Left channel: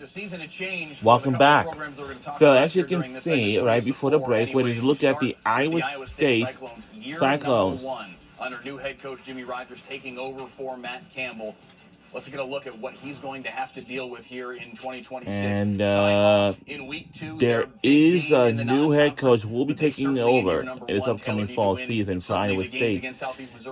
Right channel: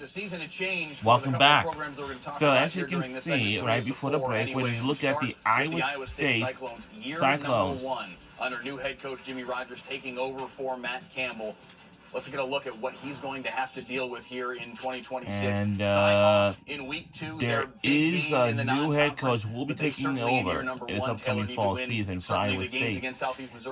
It's a season of change. Welcome back. So as you can see, right before the break, when you look at the Iowa State Cyclones, under new head coach Jimmy Rogers taking over for Matt Campbell. Let's get a look at what he's going to have to deal with here in 2026. And in week 2, there is a new head coach who will be taking over in this upcoming fall season for Iowa State.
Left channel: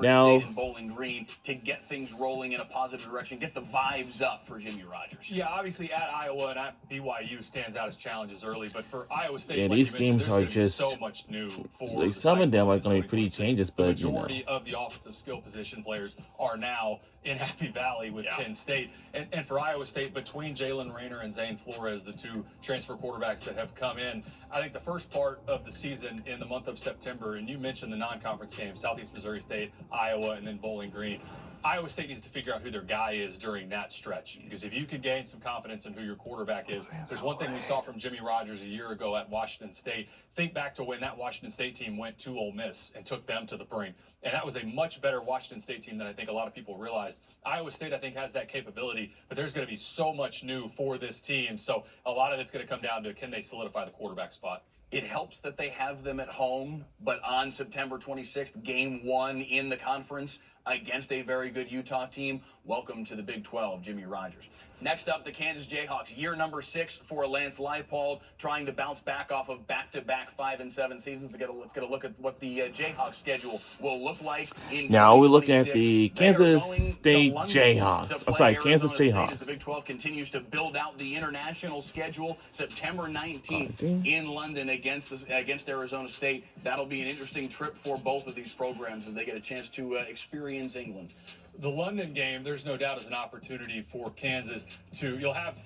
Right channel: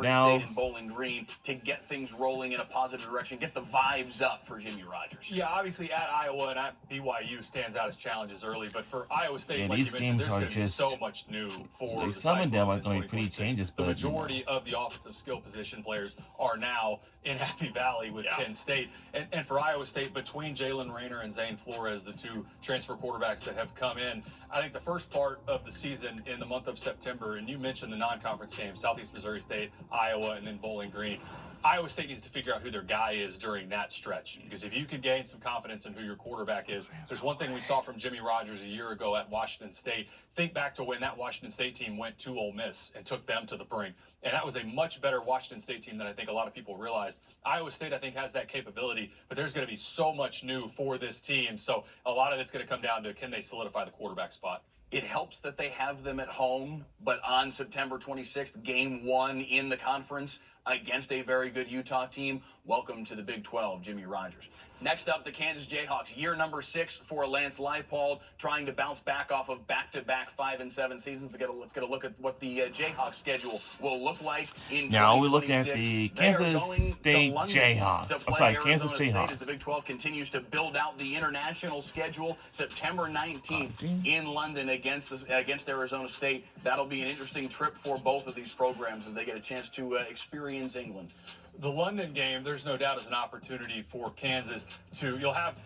Now, and Bowling Green to get things rolling in a positive direction, get the vibes up for Jimmy Rogers. Yeah, obviously at Iowa and at BYU stands out as challenges early, but for Iowa State, yeah, like these you teams are just so much new for some of them are going to be pretty changes, the but majority of the offensive skill position players are now in Happy Valley with Penn State. And for Iowa State, between Jalen Rayner and Zane Flores, the two transfer quarterbacks that have come in, I think the first part of the season in the month of September, and you mentioned the non-conference games, Southeast Missouri State, Iowa, and then Bowling Green. Iowa State needs to figure out who their guy is during that stretch, because if you can gain some confidence in who your quarterback is, there's one thing we saw from Jimmy Rogers a year ago at Washington State. Think back to when that Washington State team went to Ole Miss and took them to the brink. And that was a much better Washington State team than I think a lot of people realized. Iowa State, I think, has that capability, but there's going to be so much new for this team. So a lot of it's going to come down to, can they solidify the quarterback spot? It helps that they have them at home, but on September 26th, game 1 in the conference against a very good Utah team. Welcome to the Big 12, Jimmy Rogers. Next up, the Kansas Jayhawks, year number 6 for Lance Leipold, trying to bounce back off of back-to-back 5-7 seasons. Let's get a look at what the Jayhawks schedule will look like in now we look at the Kansas State Jayhawks. Kansas Jayhawks. As the Big 12 continues to build out the international schedule, September 19th in London against Arizona State. That'll be an interesting trip for both of these programs as they get a chance to experience England. The London game, there's no doubt, is an opportunity for Kansas you'll have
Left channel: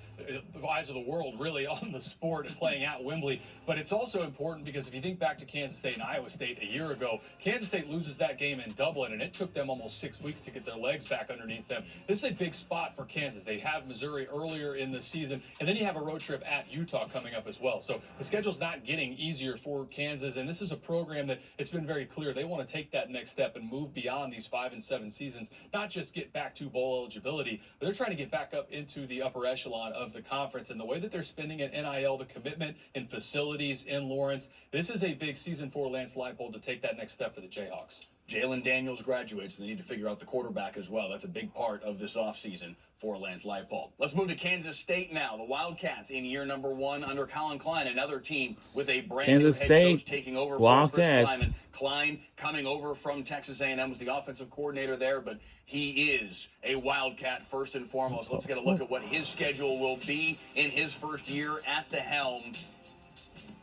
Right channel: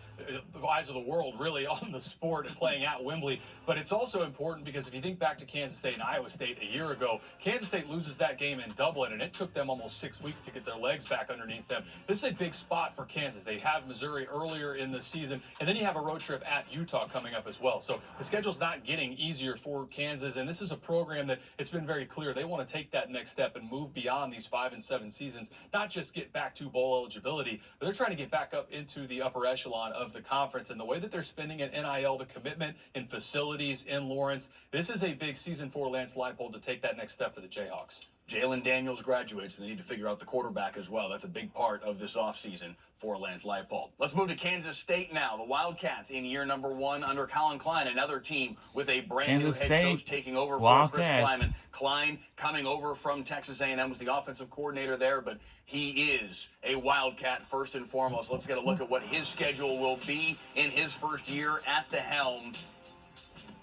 the eyes of the world really on the sport and playing at Wembley. But it's also important because if you think back to Kansas State and Iowa State a year ago, Kansas State loses that game in Dublin, and it took them almost 6 weeks to get their legs back underneath them. This is a big spot for Kansas. They have Missouri earlier in the season, and then you have a road trip at Utah coming up as well. So the schedule's not getting easier for Kansas, and this is a program that it's been very clear they want to take that next step and move beyond these 5-7 seasons, not just get back to bowl eligibility, but they're trying to get back up into the upper echelon of the conference. And the way that they're spending at NIL, the commitment in facilities in Lawrence, this is a big season for Lance Leipold to take that next step for the Jayhawks. Jalen Daniels graduates, and they need to figure out the quarterback as well. That's a big part of this offseason for Lance Leipold. Let's move to Kansas State now. The Wildcats in year number 1 under Colin Klein, another team with a brand new head coach taking over for Chris Klieman. Klein coming over from Texas A&M, was the offensive coordinator there, but he is a Wildcat first and foremost. Let's get a look at what his schedule will be in his first year at the helm.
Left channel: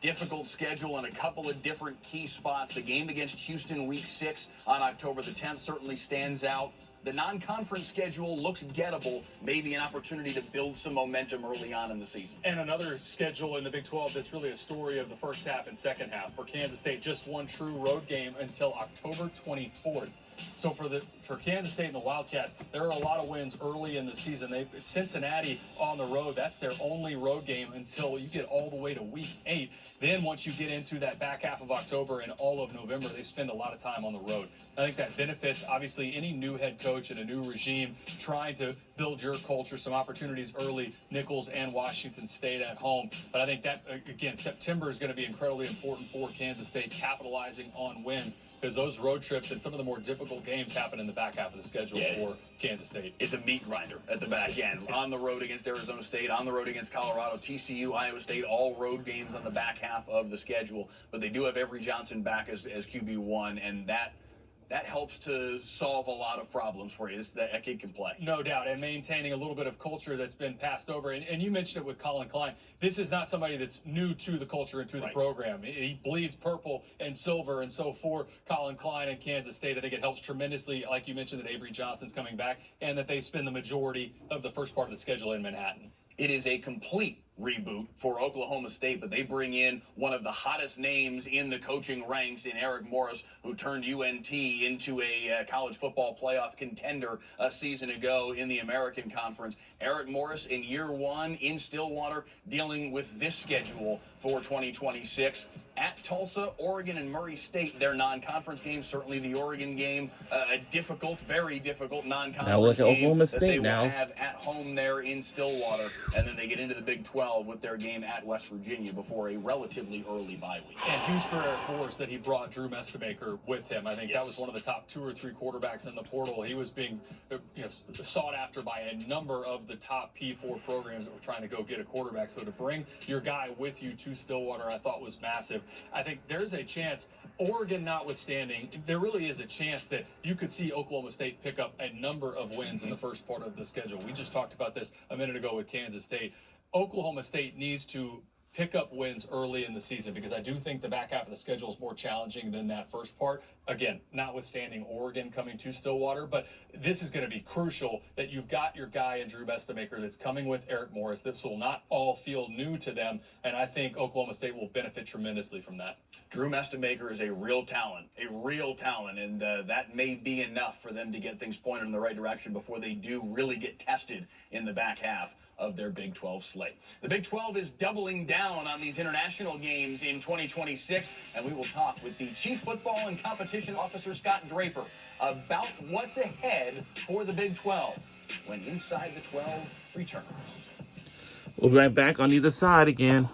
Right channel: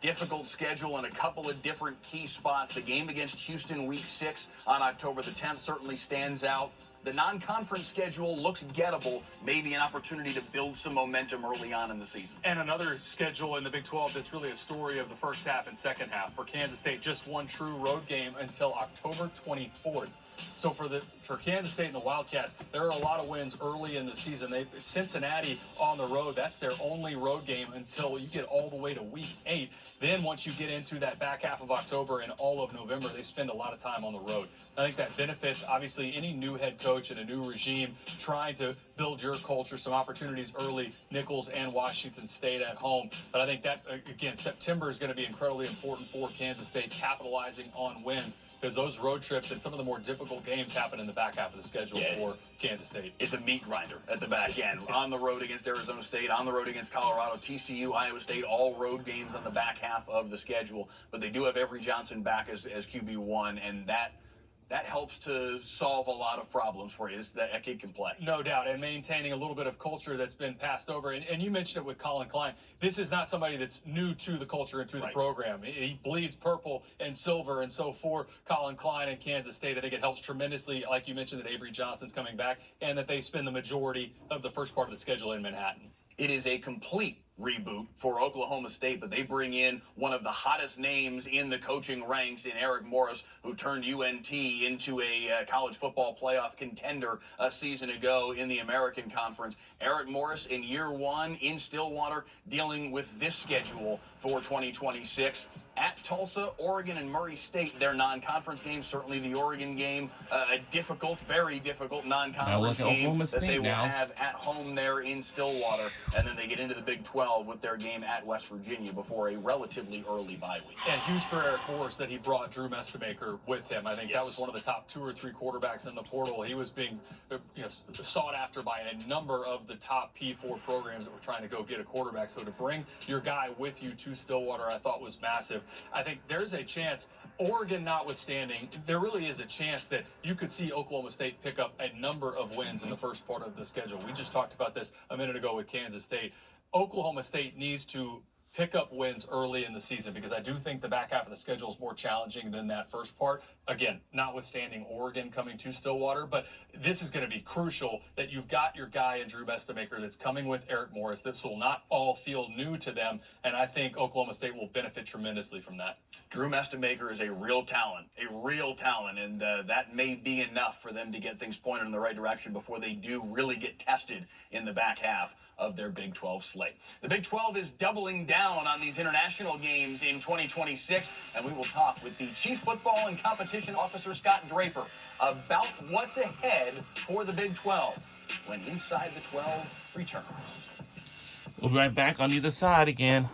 Difficult schedule in a couple of different key spots. The game against Houston week 6 on October the 10th certainly stands out. The non-conference schedule looks gettable, maybe an opportunity to build some momentum early on in the season. And another schedule in the Big 12 that's really a story of the first half and second half. For Kansas State, just one true road game until October 24th. So for Kansas State and the Wildcats, there are a lot of wins early in the season. Cincinnati on the road, that's their only road game until you get all the way to week 8. Then once you get into that back half of October and all of November, they spend a lot of time on the road. I think that benefits, obviously, any new head coach and a new regime trying to build your culture, some opportunities early, Nicholls and Washington State at home. But I think that, again, September is going to be incredibly important for Kansas State, capitalizing on wins, because those road trips and some of the more difficult games happen in the back half of the schedule for Kansas State. It's a meat grinder at the back end. On the road against Arizona State, on the road against Colorado, TCU, Iowa State, all road games on the back half of the schedule. But they do have Avery Johnson back as QB1, and that helps to solve a lot of problems for you. That kid can play. No doubt, and maintaining a little bit of culture that's been passed over. And you mentioned it with Colin Klein. This is not somebody that's new to the culture and to the program. He bleeds purple and silver, and so for Colin Klein and Kansas State, I think it helps tremendously, like you mentioned, that Avery Johnson's coming back and that they spend the majority of the first part of the schedule in Manhattan. It is a complete reboot for Oklahoma State, but they bring in one of the hottest names in the coaching ranks in Eric Morris, who turned UNT into a college football playoff contender a season ago in the American Conference. Eric Morris in year one in Stillwater, dealing with this schedule for 2026. At Tulsa, Oregon, and Murray State, their non-conference games. Certainly the Oregon game, a difficult, very difficult non-conference game that they will have at home there in Stillwater. And then they get into the Big 12 with their game at West Virginia before a relatively early bye week. And huge for Eric Morris that he brought Drew Mestemaker with him. I think that was one of the top 2 or 3 quarterbacks in the portal. He was being sought after by a number of the top P4 programs that were trying to go get a quarterback. So to bring your guy with you to Stillwater, I thought was massive. I think there's a chance, Oregon notwithstanding, there really is a chance that you could see Oklahoma State pick up a number of wins in the first part of the schedule. We just talked about this a minute ago with Kansas State. Oklahoma State needs to pick up wins early in the season because I do think the back half of the schedule is more challenging than that first part. Again, notwithstanding Oregon coming to Stillwater, but this is going to be crucial that you've got your guy in Drew Mestemaker that's coming with Eric Morris. This will not all feel new to them, and I think Oklahoma State will benefit tremendously from that. Drew Mestemaker is a real talent, and that may be enough for them to get things pointed in the right direction before they do really get tested in the back half of their Big 12 slate. The Big 12 is doubling down on these international games in 2026, and we will talk with the Chief Football and Competition Officer, Scott Draper, about what's ahead for the Big 12 when Inside the 12 returns. We'll be right back on either side again.